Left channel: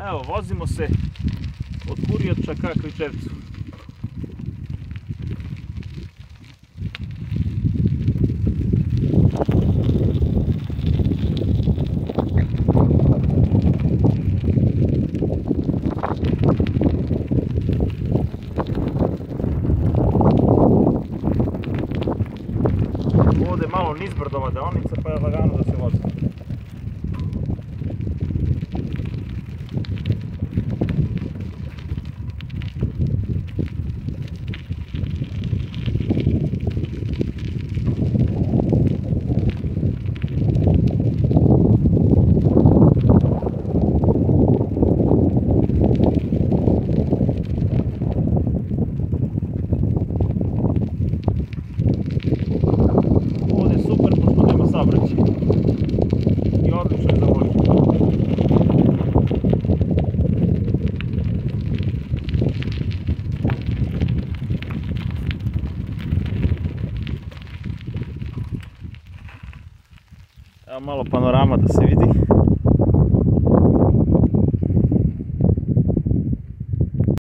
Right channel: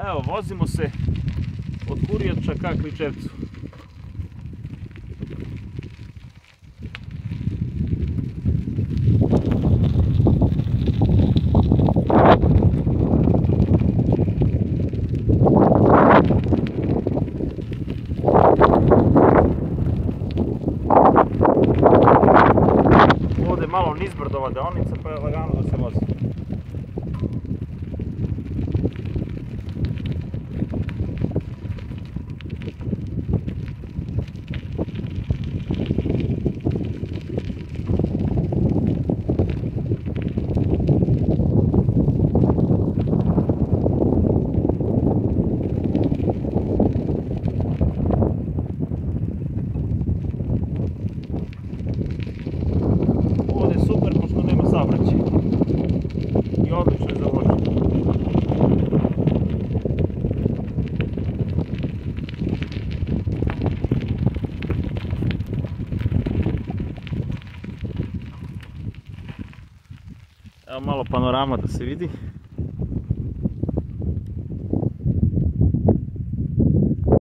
Evo, vozimo se od Kurjača ka Kričevcu. Ovdje je malo nizbrdova deonica pa je lagano da se vozi. Super, pošto nema saobraćaja i odlično je za vožnju. Evo malo panorama da se vidi.